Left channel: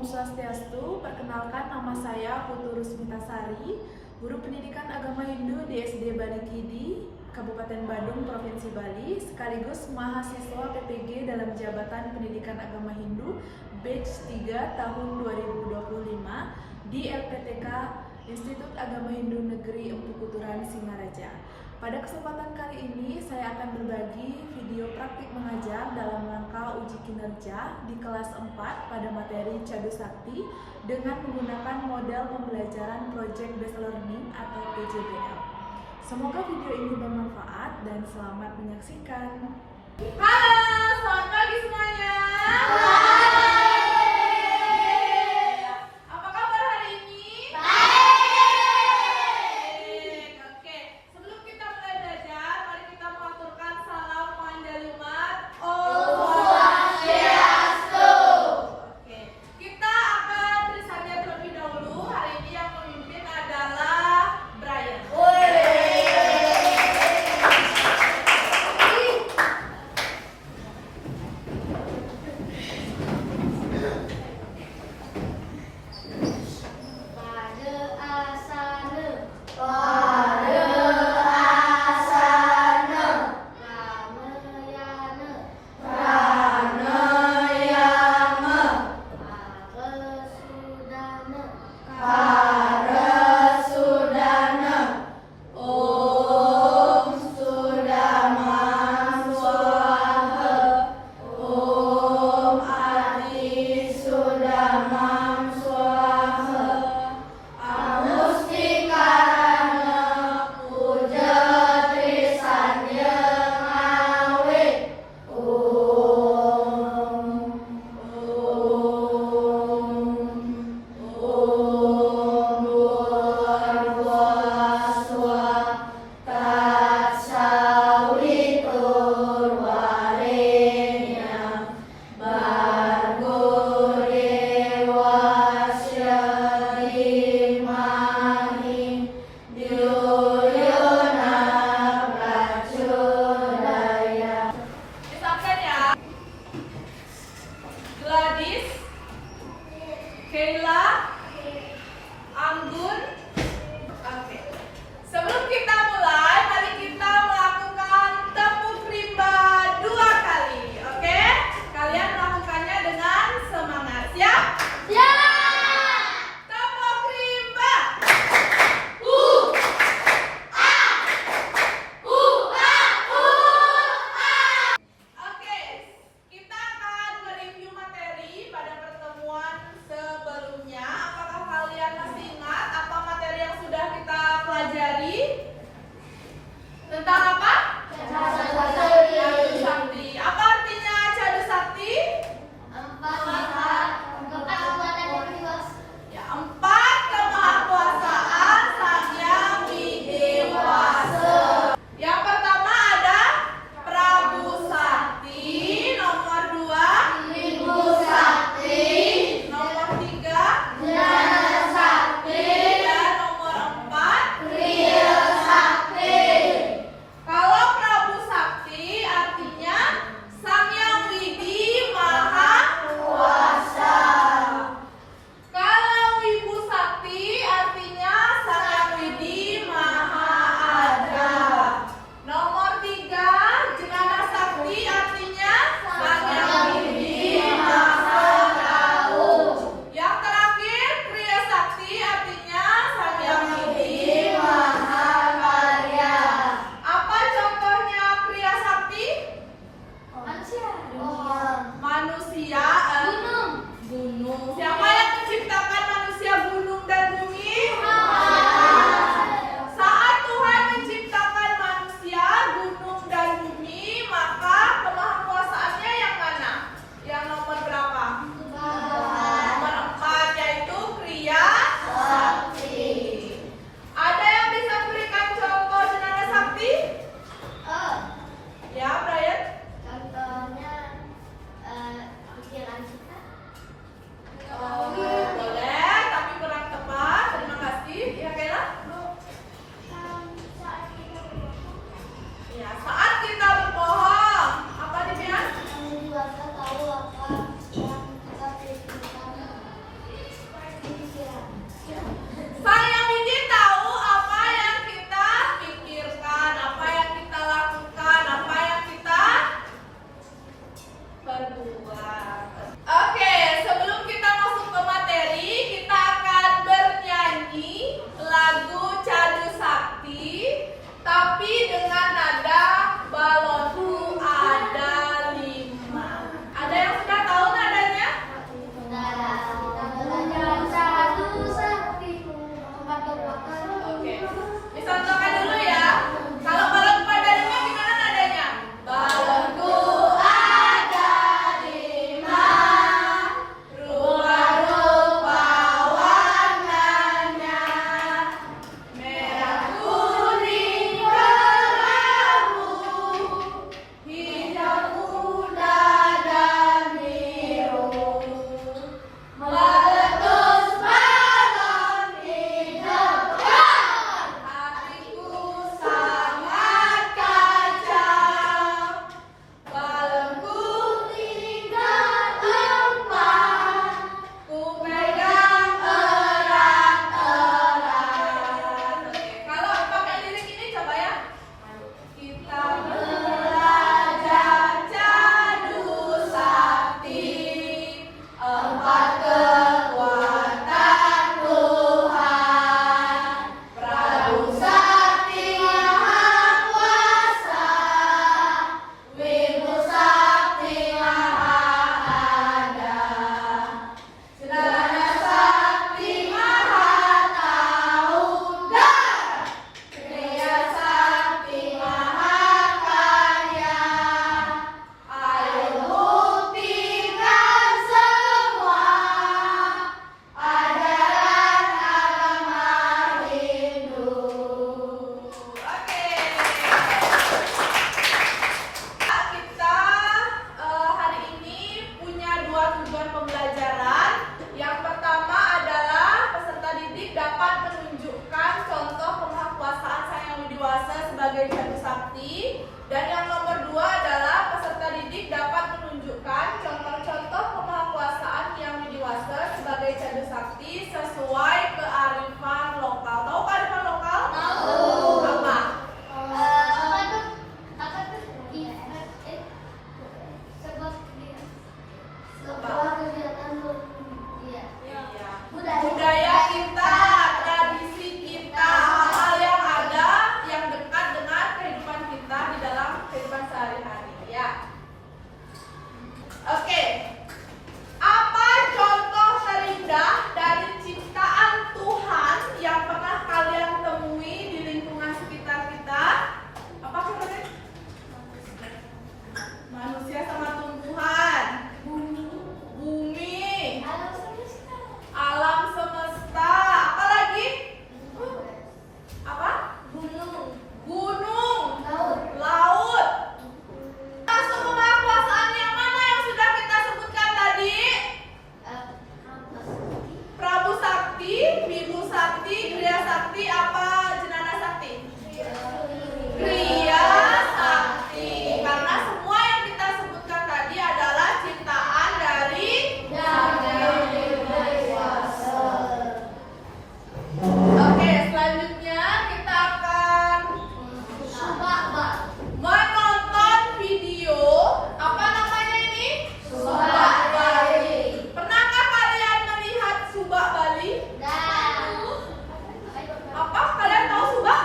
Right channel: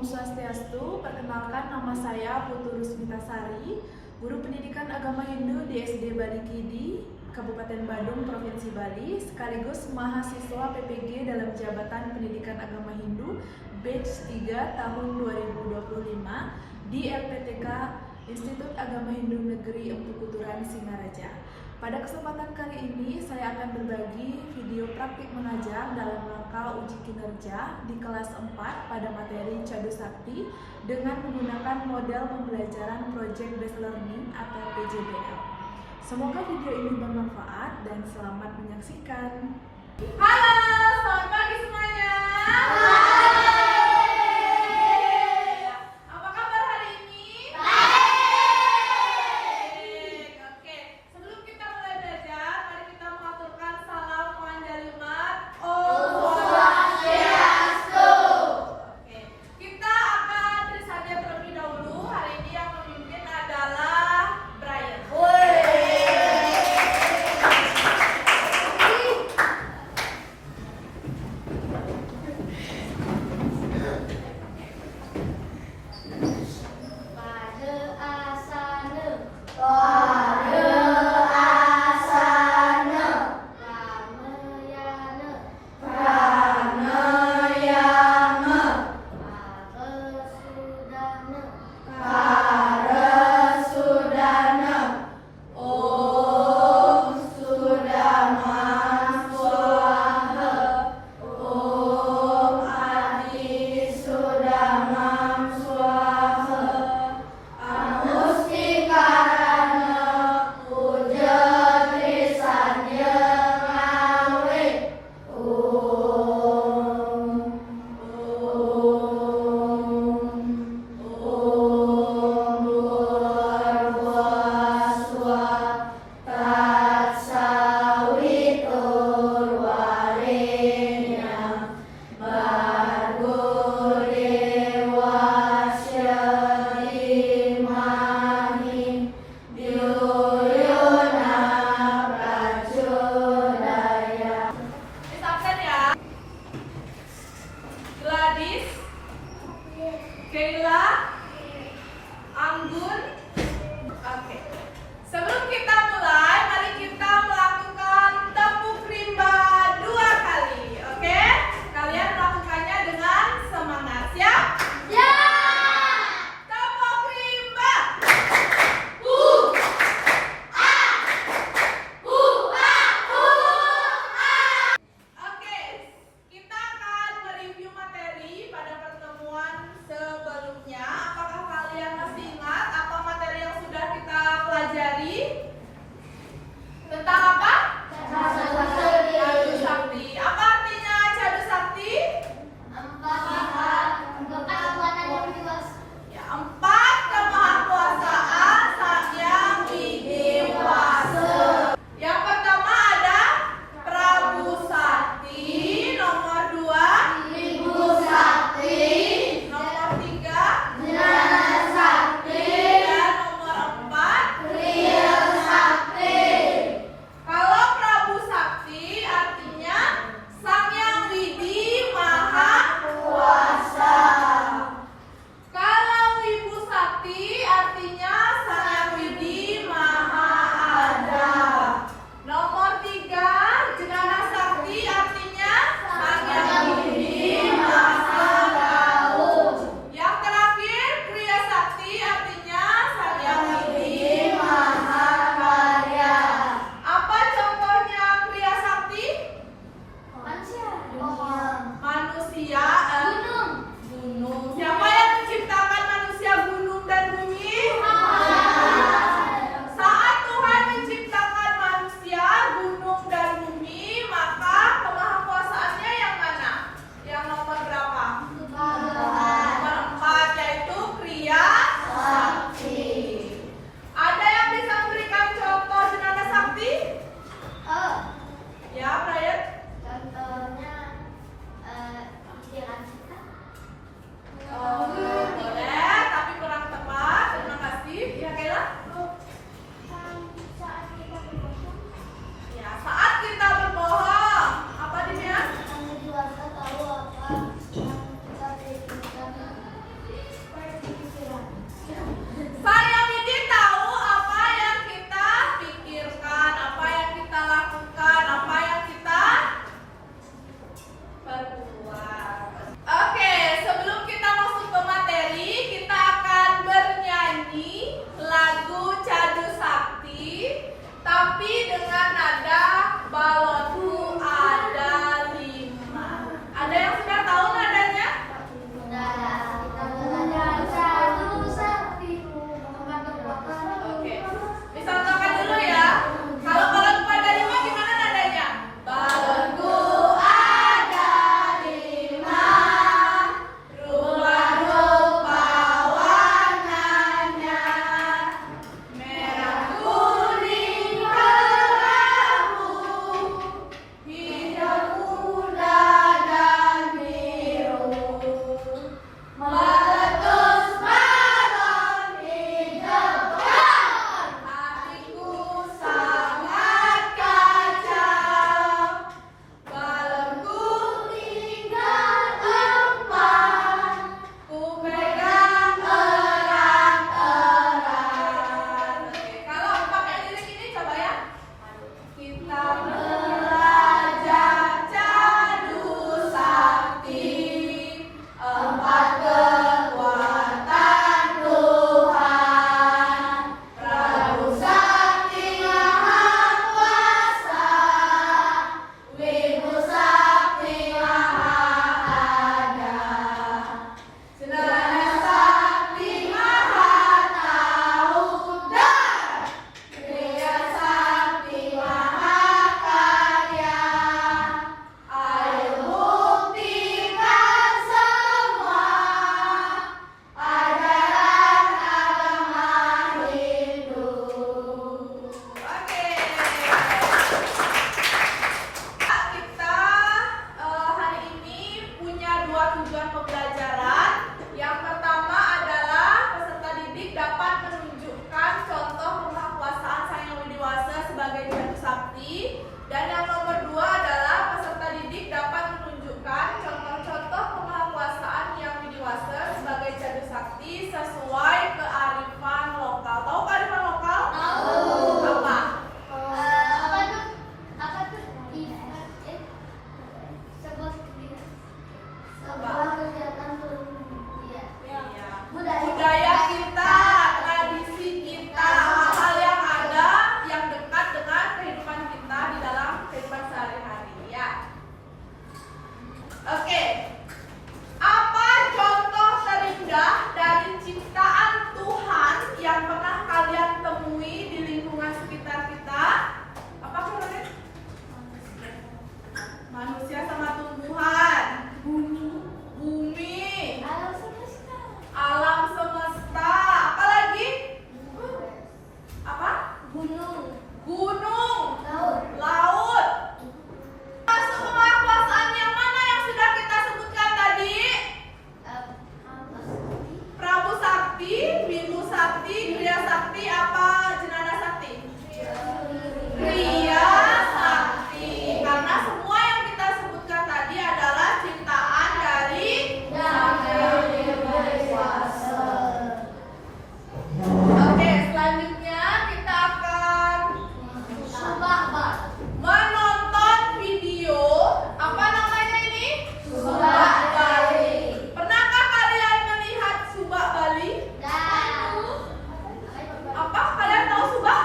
Om Swastiastu. Perkenalkan, nama saya Putu Rusmitasari, Guru Pendidikan Agama Hindu di SD Bali Kidi, Kabupaten Badung, Provinsi Bali, sekaligus mahasiswa PPG dalam Jabatan Pendidikan Agama Hindu Batch 3 tahun 2025 di LPTK Institut Agama Hindu Negeri Empu Kuturan, Singaraja. Pada kesempatan kali ini saya akan berbagi video praktik mengajar dalam rangka uji kinerja di kelas 4 pada materi Cadu Sakti dengan menggunakan model pembelajaran Project Based Learning atau PJBL. Semoga video ini bermanfaat dan selamat menyaksikan. Halo, selamat pagi semuanya. Apa kabar hari ini? Baik. Oke, sebelum kita mulai belajar, mari kita mengaturkan salam penganjali umat. Om Swastiastu. Oke, kita akan tulis saja terlebih dahulu. Hari ini yang memimpin adalah Brian. Gladys, Kayla, Anggun. Oke. Sebelum kita mulai, mari kita melakukan tepuk rimba 2 kali. Oke? Kalian melakukannya dengan semangat. Siap? Ya. Tepuk rimba. Oke, kita akan mereview materi pada pertemuan sebelumnya. Apakah kalian masih ingat apa materi yang sudah kita pelajari? Tentang apa? Cadu Sakti. Apa artinya Cadu Sakti? Ya, 4 kemahakuasaan Sang Yang Widewasa. Yang pertama ada Prabu Sakti, nomor 2 Ibu Sakti, nomor 3 Jana Sakti, dan nomor 4 Kriya sakti sesuai kearifan lokal. Tahu kearifan lokal? Tahu. Apa? Sebuah kegiatan Budaya kita, tradisi kita, hal-hal yang ada yang dekat dengan kehidupan kita di dalam kehidupan sehari-hari, ya. Oke. Apa contoh terindah dari ciptaan Tuhan yang pernah kalian temui di lingkungan sekitar kita? Apa kira-kira? Manusia sama tumbuhan, bumi, alam semesta, apa lagi? Apa? Gunung, laut. Masuk pengakuasaan yang mana yang sudah kita sebutkan tadi? Prabu Sakti, Bimbu Sakti, Kriya Sakti, apa Jenana Sakti? Kriya Sakti. Karena semua yang kita sebutkan tadi adalah ciptaan dari Oke, selanjutnya kita akan menonton video. Apa namanya ini? Subak Bali. Pernahkah kalian melihat Subak Bali? Apa? Kalian tahu Subak?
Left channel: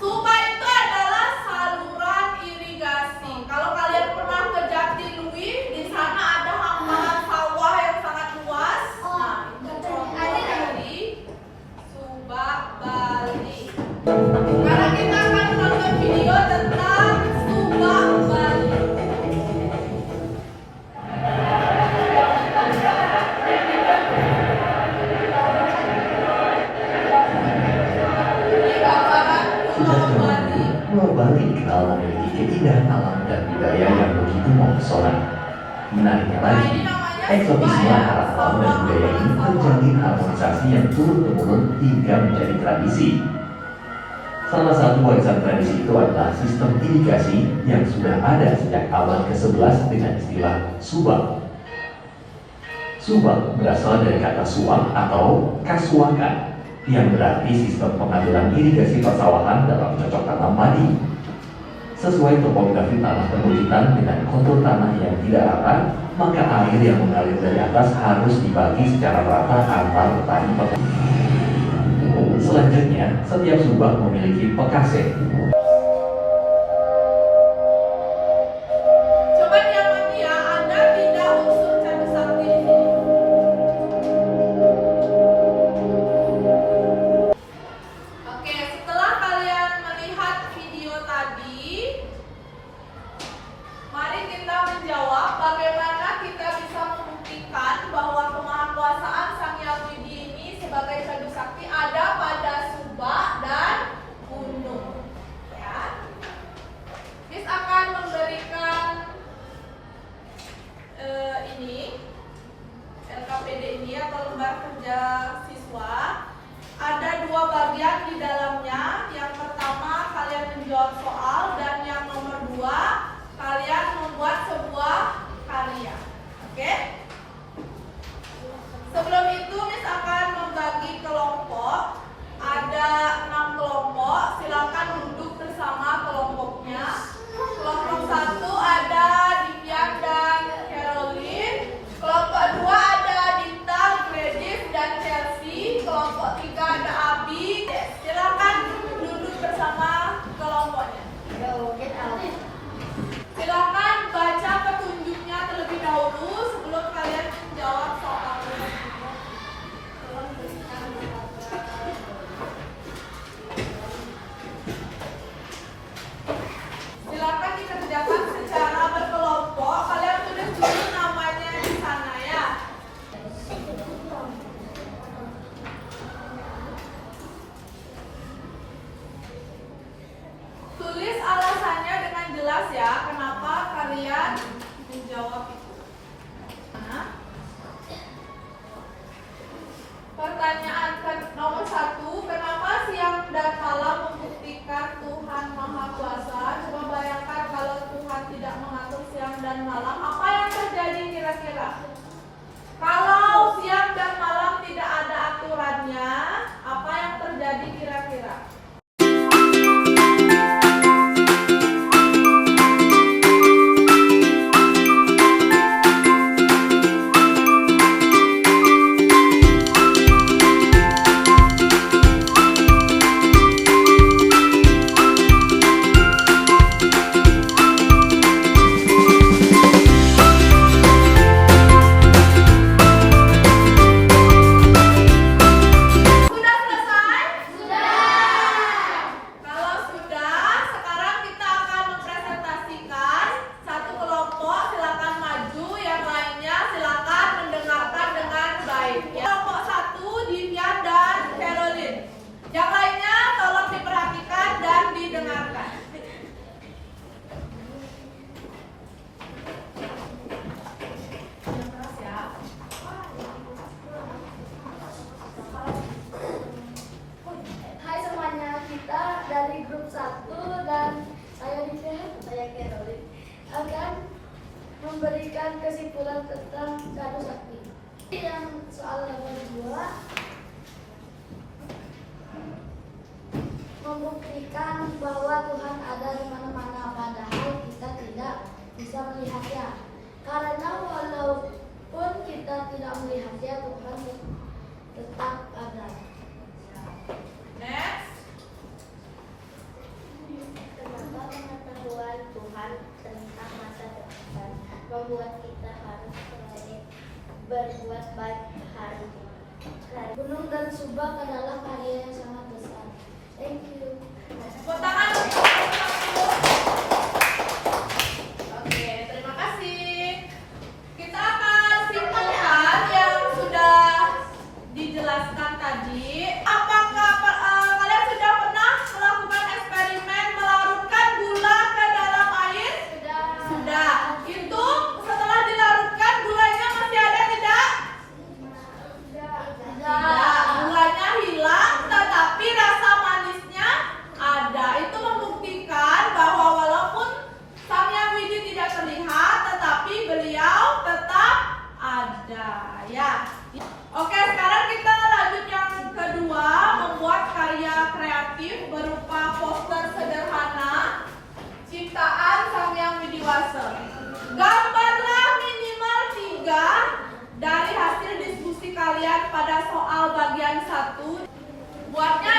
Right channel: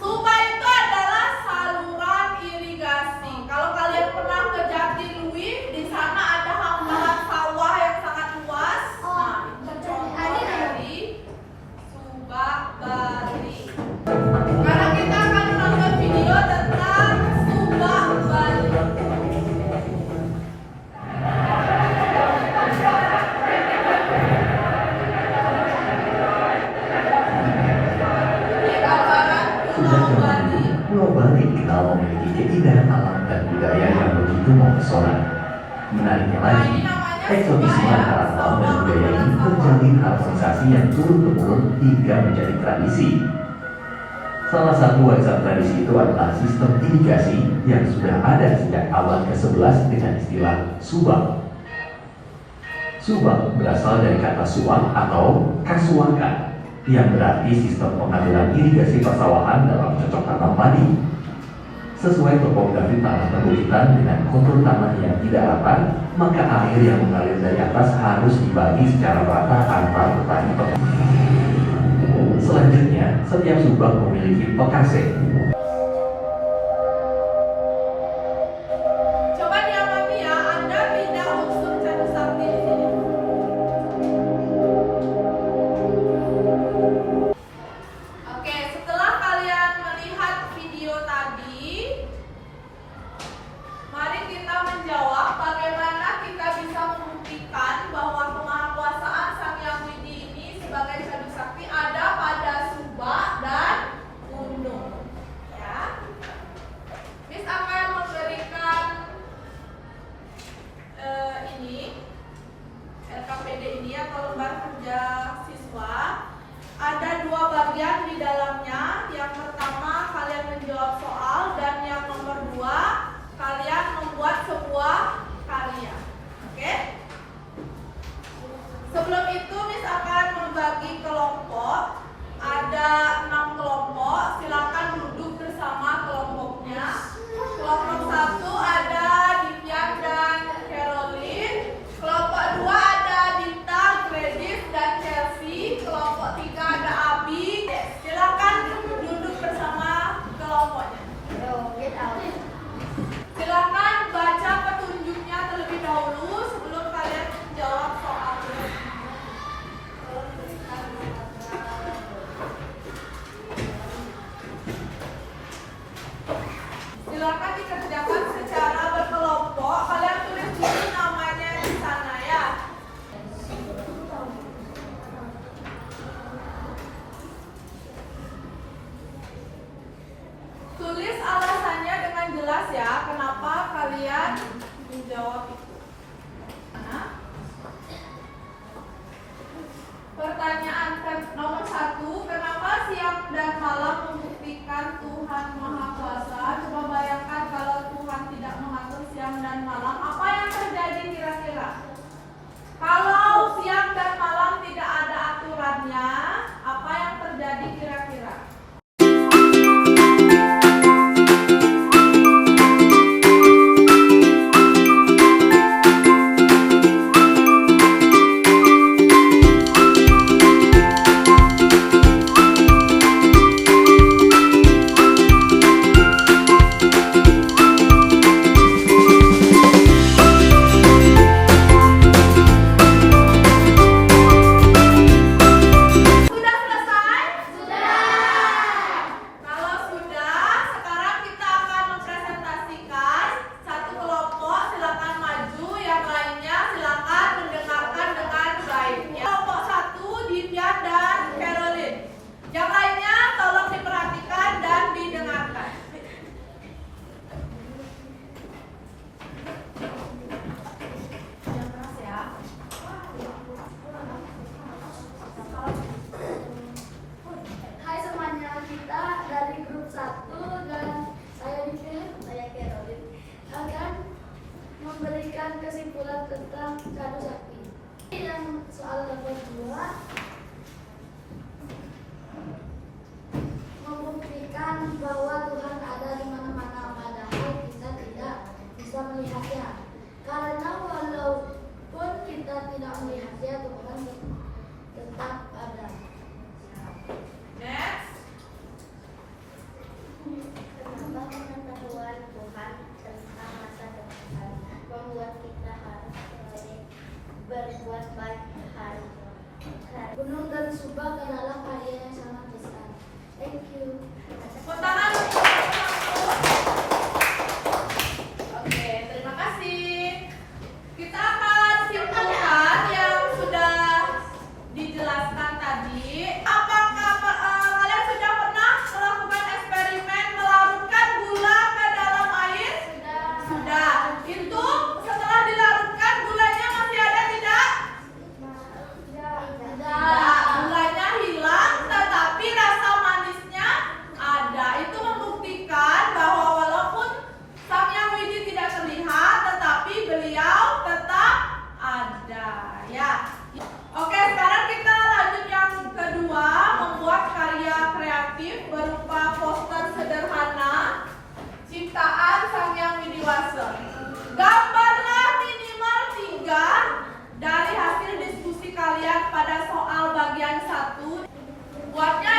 Subak itu adalah saluran irigasi. Kalau kalian pernah ke Jatiluwih, di sana ada hamparan sawah yang sangat luas. Nah, itu contoh dari Subak Bali. Sekarang kita akan menonton video tentang Subak Bali. Ini gambaran Sudah Pulau zaman Bali. dulu, Pulau Bali dikenal memiliki keindahan alam dan budaya yang begitu mempesona. Menariknya lagi, eksotisme haram alam dan budaya ini terjalin harmonisasi yang turun-temurun hingga menjadi tradisi. Salah satu warisan tradisi itu adalah sistem irigasi yang sudah ada sejak abad ke-11 dengan istilah subak. Subak berasal dari kata suak atau kasuakan, yang berarti sistem pengaduran irigasi persawahan dalam cocok tanam padi. Sesuai topografi tanah perbukitan dengan kontur tanah yang tidak rata, maka air yang mengalir dari atas harus dibagi secara rata antar petani. Selanjutnya, setiap subak memiliki pekase. Coba diamati ya, Anda tidak unsur Cabu Sakti di sini. Oke, setelah kalian melihat video tadi, mari kita menjawab bagaimana kita bisa membuktikan bahwa kemahakuasaan Sang Hyang Widi ini sebagai Cabu Sakti ada pada Subak dan gunung. Ya. Miss akan memberikan ini LKPD ini atau lembar kerja siswa. Ada dua bagian di dalamnya. Yang pertama kalian menjawab soal, dan yang nomor dua kalian membuat sebuah karya. Oke? Sebelum itu Miss akan membagi kelompok. Ada 6 kelompok. Silakan duduk bersama kelompoknya. Kelompok 1 ada Divian dan Caroline. Kelompok 2 ada Dinta, Gladys dan Chelsea. Kelompok 3 ada Abi. Silakan duduk bersama kelompoknya. Silakan baca petunjuknya terlebih dahulu sebelum kalian menjawab soalnya. Silakan dikerjakan secara berkelompok. Kalian tulis dulu namanya di sana ya. Tulis alasannya dengan jelas ya, kenapa kalian menjawab itu. Nah, pertanyaan nomor 1, kenapa siang dan malam membuktikan Tuhan Maha Kuasa? Coba bayangkan kalau Tuhan tidak mengatur siang dan malam, apa yang terjadi kira-kira? Kalau siang dan malam tetap ada. Next. Kenapa pengetahuan Tuhan tentang masa depan membuat kita harus berbuat baik hari. Gunung dan Subak adalah karya yang sangat besar. Thank you. Tepuk tangan. Oke, terima kasih. Kita akan simpulkan yang sudah dijelaskan tadi. Apakah kalian sudah pernah melakukan eksperimen melarutkan gula ke dalam air? Sudah. Itu setelah dilarutkan gulanya masih ada tidak? Tidak. Gulanya hilang, tetapi rasa manisnya ada. Itu membuktikan bahwa walaupun Sang Yang Widi tidak terlihat, tetapi beliau tetap ada. Ya. Oke, sekarang kita lanjut yang kedua, membuat karya kreatif berupa poster sederhana ciptaan Sang Yang Widiwasa. Gambarlah minimal 3 dari hasil diskusi kalian pada soal bagian 1. Buatnya